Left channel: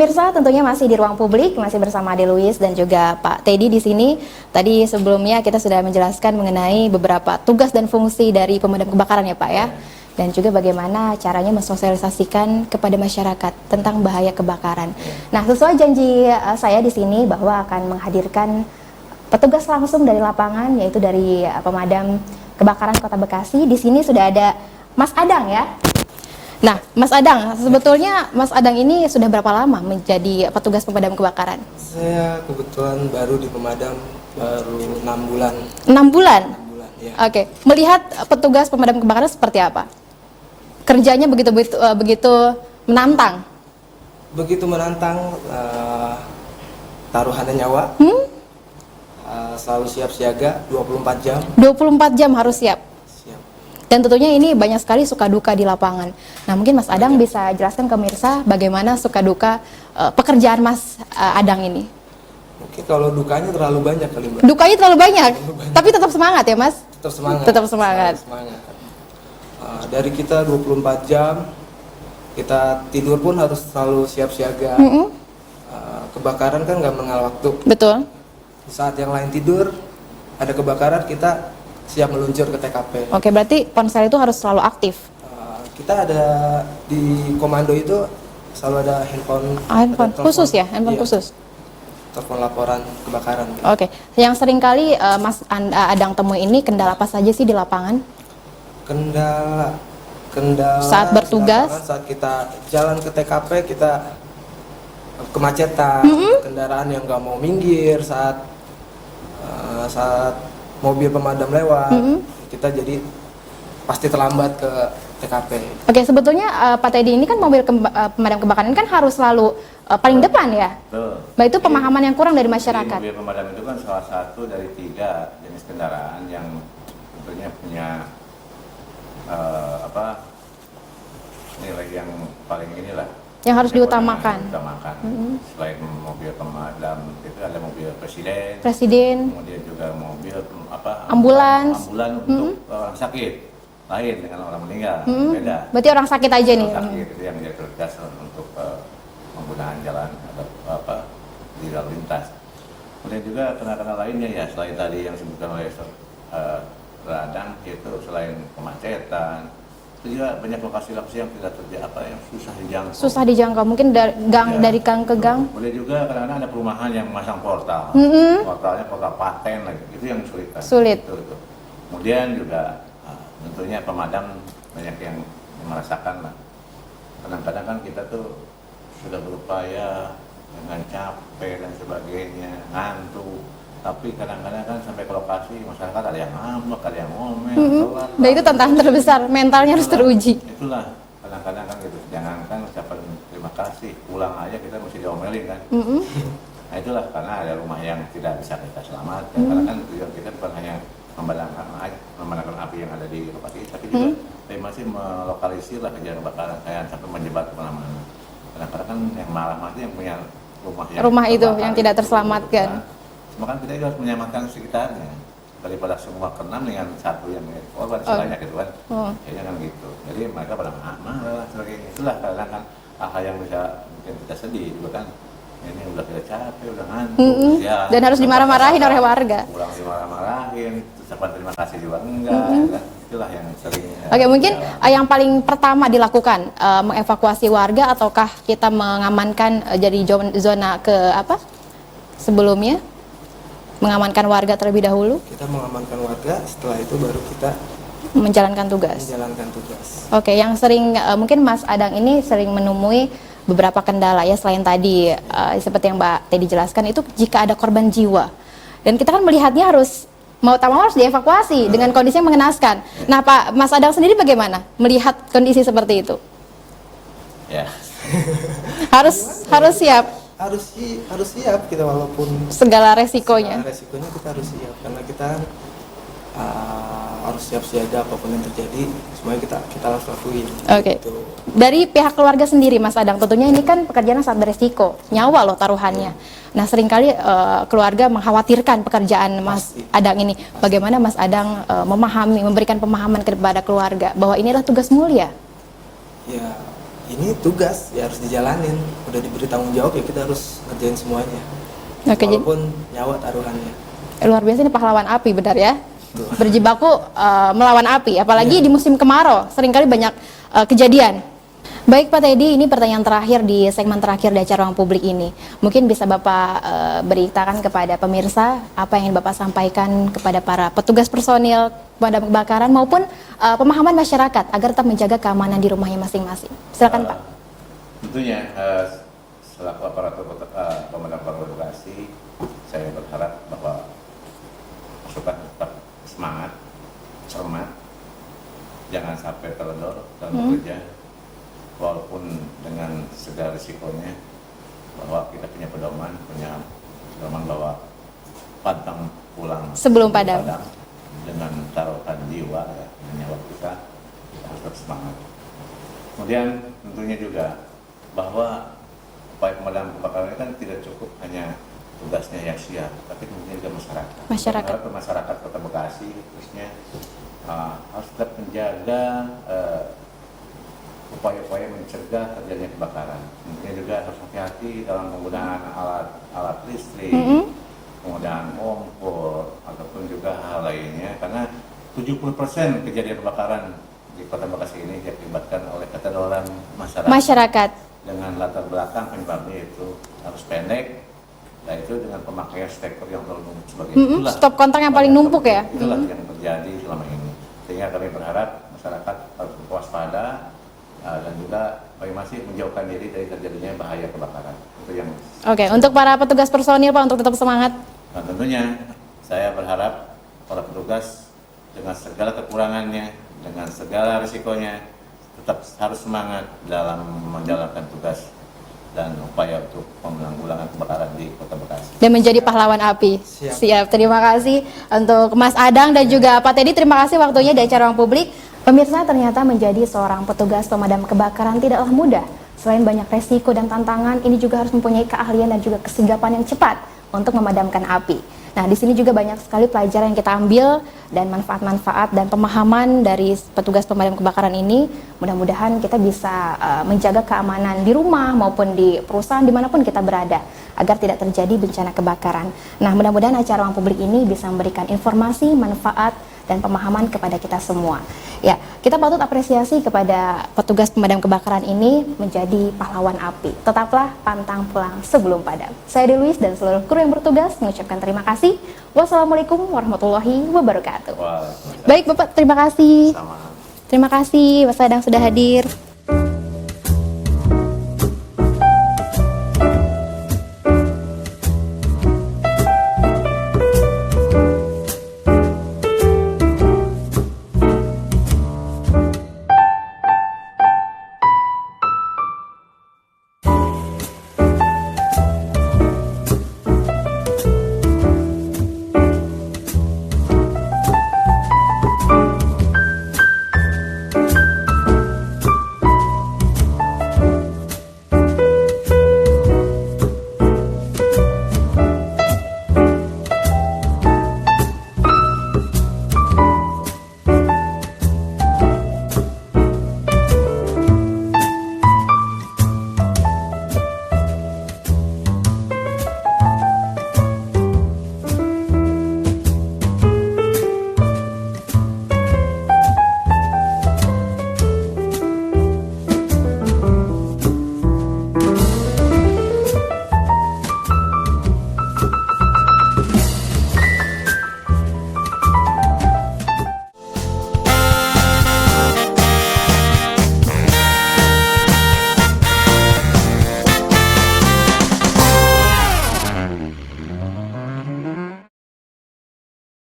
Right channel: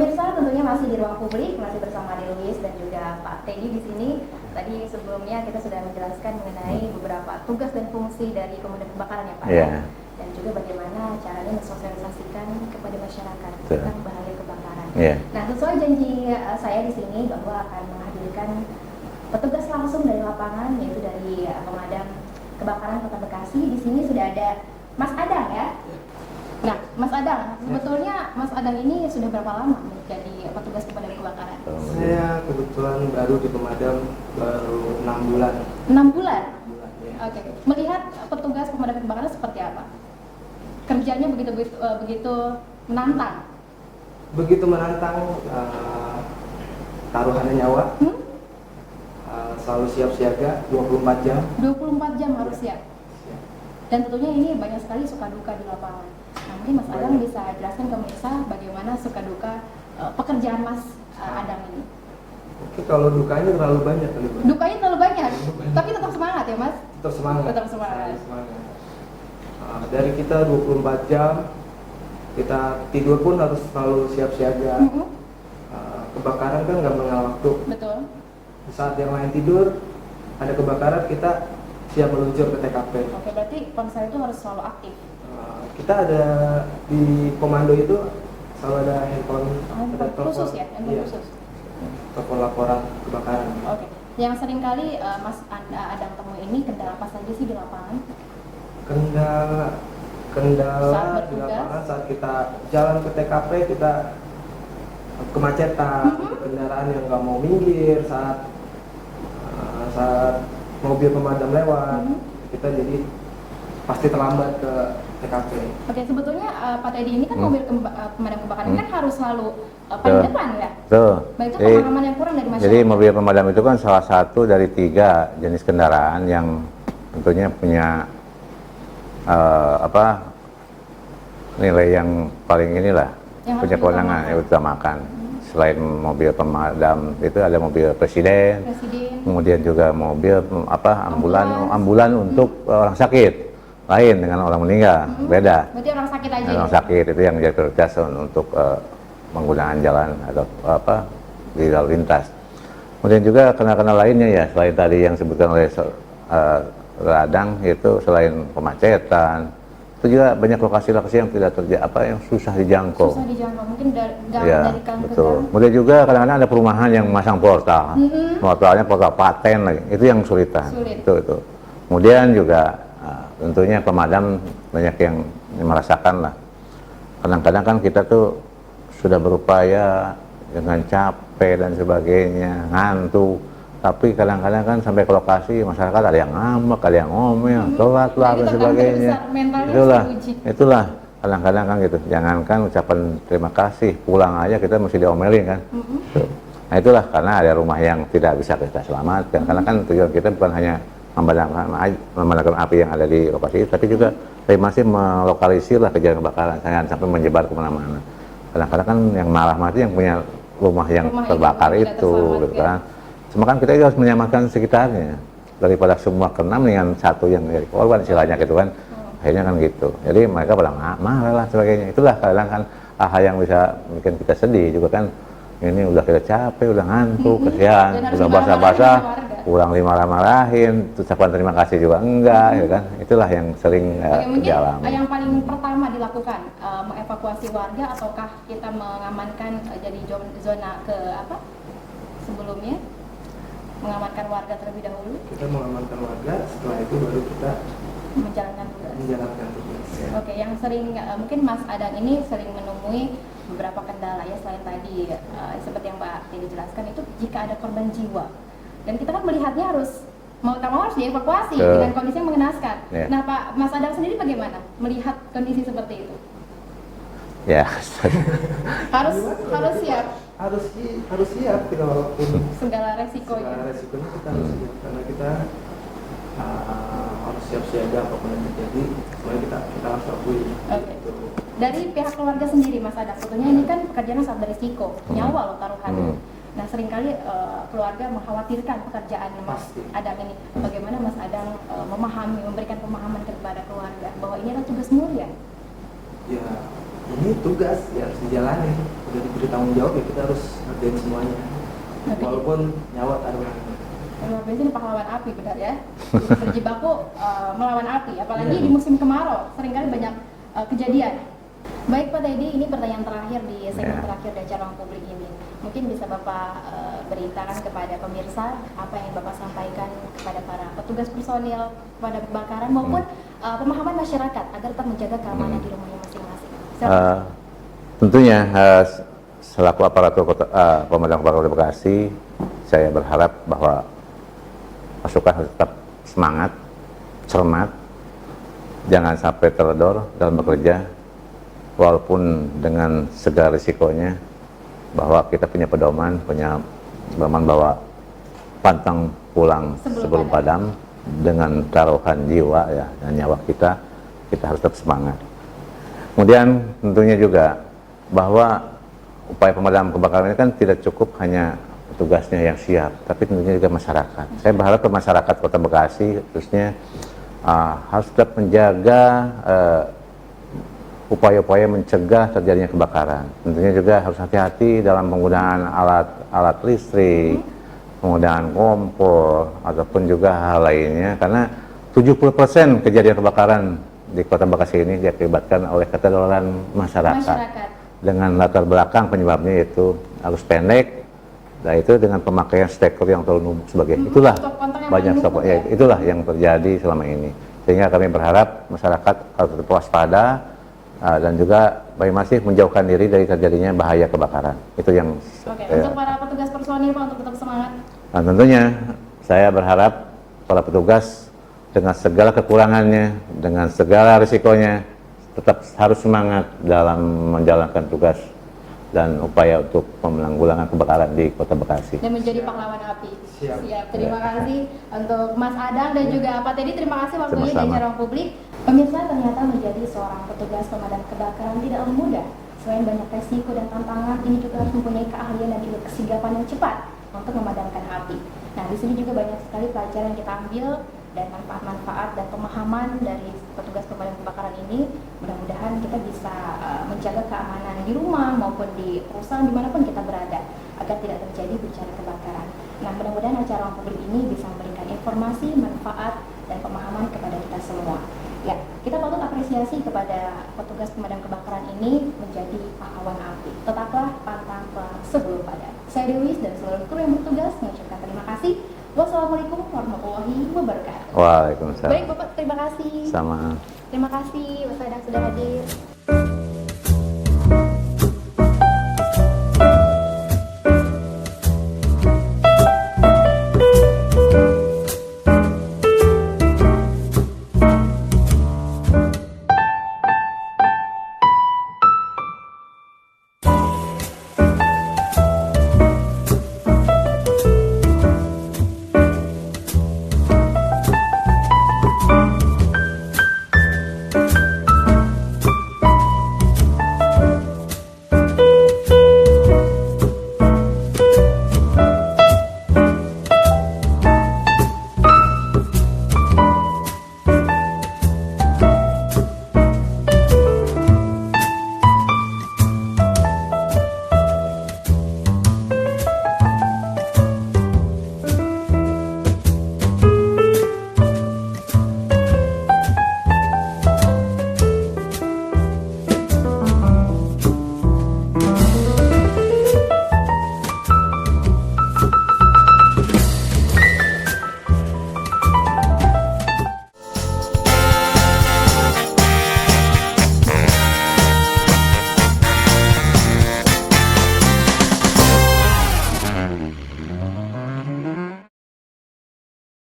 Pemirsa, tentunya masih di ruang publik, masih bersama Ade Luis dan juga Pak Teddy di sini. Tadi sebelumnya kita sudah menjelaskan mengenai beberapa tugas dan fungsi dari pemadam kebakaran ya Pak ya. Dan juga bagaimana caranya mensosialisasikan kepada masyarakat tentang bahaya kebakaran. Nah, sesuai janji saya di sini bahwa akan menghadirkan petugas langsung dari lapangan, yaitu dari pemadam kebakaran Kota Bekasi. Di sini sudah ada Mas Adang ya. Nah, Mas Adang, sebetulnya Mas Adang ini sudah berapa lama menjadi petugas pemadam kebakaran? Saya kebetulan baru di pemadam baru 6 bulan. 6 bulan? 6 bulan ya. Oke, melihat petugas pemadam kebakaran seperti apa? Kerjanya begitu menantang? Begitu menantang, taruhannya nyawa. Selalu siap siaga 24 jam. 24 jam harus siap? Dan tentunya ini banyak sekali suka duka di lapangan. Nah, mungkin Mas Adang bisa jelaskan ke pemirsa bagaimana suka duka pekerjaan Mas Adang ini. Oke, kalau dukanya terlalu banyak kali, Mbak. Dukanya terlalu banyak, tapi tetap semangat ya Mas? Tetap semangat. Tetap semangat. Dari kita 24 jam, kita tidur pun harus selalu siap siaga. Kebakaran kan nggak mengenal waktu. Betul. Di saat yang lain tidur, ada kebakaran, kita siap meluncur ke TKP. Oke, berarti ponsel itu harus selalu aktif. Kita ada di komando itu selalu ada handphone Khusus ya, handphone khusus. Telepon laporan kebakaran. Oke, yang sering kali Mas Adang temui ini kendala apa saja sih di lapangan? Kendala saat bertugas, saat kita jalan ke TKP, kita kemacetan, kendaraan yang nggak mau minggir, saat mobil pemadam lewat, kita jadi pasti terlambat ke TKP. Oke, sebetulnya Pak Teddy ini kan mobil pemadam kebakaran ini kan harus selalu paling depan ya? Betul. Nah, itu pemahaman yang kurang dari masyarakat. Jadi mobil pemadam itu kan salah satu dari 3 jenis kendaraan yang tentunya punya nilai yang paling inilah. Yang harus diutamakan. Selain mobil pemadam itu ada mobil presiden, kemudian juga mobil ambulan untuk orang sakit, lain dengan orang meninggal, beda. Berarti orang sakit aja nih. Orang sakit itu yang jadi prioritas untuk menggunakan jalan atau di lalu lintas. Kemudian juga kendaraan lainnya ya, selain tadi yang disebutkan oleh Adang, itu selain kemacetan, itu juga banyak lokasi-lokasi yang tidak yang susah dijangkau. Susah dijangkau, mungkin dari gang ke gang. Kemudian juga kadang-kadang ada perumahan yang masang portal, portalnya portal paten lagi, itu yang kesulitan. Sulit. Itu. Kemudian juga tentunya pemadam banyak yang merasakan lah. Kadang-kadang kan kita tuh sudah berupaya dengan capek dan sebagainya, ngantuk. Tapi kadang-kadang kan sampai ke lokasi masyarakat ada yang ngambek, ada yang ngomel, telat lah. Nah, itu tantangan terbesar, mentalnya harus teruji. Itulah kadang-kadang kan gitu. Jangankan ucapan terima kasih, pulang aja kita mesti diomelin kan. Nah itulah karena ada rumah yang tidak bisa kita selamatkan. Karena kan tujuan kita bukan hanya memadamkan api yang ada di lokasi, tapi juga masih melokalisir lah kejadian kebakaran. Jangan sampai menyebar kemana-mana. Kadang-kadang kan yang malah mati yang punya rumah yang terbakar yang tidak terselamatkan. Gitu kan. Cuma kan kita harus menyelamatkan sekitarnya, daripada semua kena dengan satu yang jadi korban istilahnya gitu kan. Akhirnya kan gitu, jadi mereka pada marah lah sebagainya. Itulah kadang kan hal yang bisa bikin kita sedih juga kan. Ini udah kita capek, udah ngantuk, kesian, dan harus dimarah-marahin oleh warga. Kurang dimarah-marahin, ucapan terima kasih juga enggak, ya kan. Itulah yang sering mungkin yang paling pertama dilakukan mengevakuasi warga, ataukah kita mengamankan jadi zona ke sebelumnya? Mengamankan warga terlebih dahulu? Kita mengamankan warga, setelah itu baru kita menjalankan tugas. Oke, yang sering mungkin Mas Adang ini sering menemui beberapa kendala ya, selain tadi seperti yang Mbak Teddy jelaskan, itu jika ada korban jiwa. Dan kita kan melihatnya harus mau tak mau harus dievakuasi dengan kondisi yang mengenaskan. Nah, Pak Mas Adang sendiri bagaimana melihat kondisi seperti itu? Ya. harus siap. Harus siap kita, walaupun segala resikonya kita harus siap, karena kita harus siap siaga apapun yang terjadi, semuanya kita harus akui. Oke. Dari pihak keluarga sendiri Mas Adang, tentunya ini kan pekerjaan yang sangat beresiko, nyawa loh taruhannya. Nah, seringkali keluarga mengkhawatirkan pekerjaan Mas Adang ini. Bagaimana Mas Adang memberikan pemahaman kepada keluarga bahwa ini adalah tugas mulia? Ya, ini tugas ya harus dijalanin, udah diberi tanggung jawab ya kita harus ngerjain semuanya. Oke, Walaupun nyawa taruhannya. Luar biasa ini pahlawan api, benar ya? Berjibaku melawan api, apalagi di musim kemarau, seringkali banyak kejadian. Baik Pak Teddy, ini pertanyaan terakhir di segmen terakhir dari acara Ruang Publik ini. Mungkin bisa Bapak beritakan kepada pemirsa apa yang ingin Bapak sampaikan kepada para petugas personil pemadam kebakaran maupun pemahaman masyarakat agar tetap menjaga keamanan di rumahnya masing-masing. Silakan Pak. Tentunya selaku aparatur pemadam kebakaran Bekasi, saya berharap bahwa pasukan harus tetap semangat, cermat, jangan sampai teledor dalam bekerja, walaupun dengan segala risikonya, bahwa kita punya pedoman bahwa pantang pulang sebelum padam, dengan taruhan jiwa ya dan nyawa kita harus tetap semangat. Kemudian tentunya juga bahwa upaya pemadam kebakaran ini kan tidak cukup hanya tugasnya yang siap, tapi tentunya juga masyarakat. Saya berharap ke masyarakat Kota Bekasi khususnya harus tetap menjaga upaya-upaya mencegah terjadinya kebakaran. Tentunya juga harus hati-hati dalam penggunaan alat listrik, penggunaan kompor, ataupun juga hal lainnya, karena 70% kejadian kebakaran di Kota Bekasi ini diakibatkan oleh keterlambatan masyarakat. Dengan latar belakang penyebabnya yaitu arus pendek, dan itu dengan pemakaian steker yang terlalu numpuk sebagainya. Itulah stop kontak yang paling numpuk ya. Itulah yang terjadi selama ini. Sehingga kami berharap masyarakat harus tetap waspada dan juga masih menjauhkan diri dari terjadinya bahaya kebakaran. Itu yang untuk para petugas personil Pak, untuk tetap semangat. Nah, tentunya saya berharap para petugas dengan segala kekurangannya, dengan segala risikonya, tetap harus semangat dalam menjalankan tugas dan upaya untuk penanggulangan kebakaran di Kota Bekasi. Dan menjadi pahlawan api. Siap. Terima kasih untuk Mas Adang dan juga Pak Teddy. Terima kasih waktunya di acara Ruang Publik. Pemirsa, ternyata menjadi seorang petugas pemadam kebakaran tidaklah mudah. Selain banyak resiko dan tantangan, ini juga harus mempunyai keahlian dan juga kesigapan yang cepat untuk memadamkan api. Nah, di sini juga banyak sekali pelajaran yang kita ambil dan manfaat-manfaat dan pemahaman dari petugas pemadam kebakaran ini. Mudah-mudahan kita bisa menjaga keamanan di rumah maupun di perusahaan dimanapun kita berada agar tidak terjadi bencana kebakaran. Nah, mudah-mudahan acara Ruang Publik ini bisa memberikan informasi, manfaat, dan pemahaman kepada kita semua. Ya, kita patut apresiasi kepada petugas pemadam kebakaran ini menjadi pahlawan api. Tetaplah pantang pulang sebelum padam. Saya Dewi dan seluruh kru yang bertugas mengucapkan terima kasih. Wassalamualaikum warahmatullahi wabarakatuh. Waalaikumsalam. Baik Bapak, terima kasih. Sama. Terima kasih Mas Adang sudah hadir.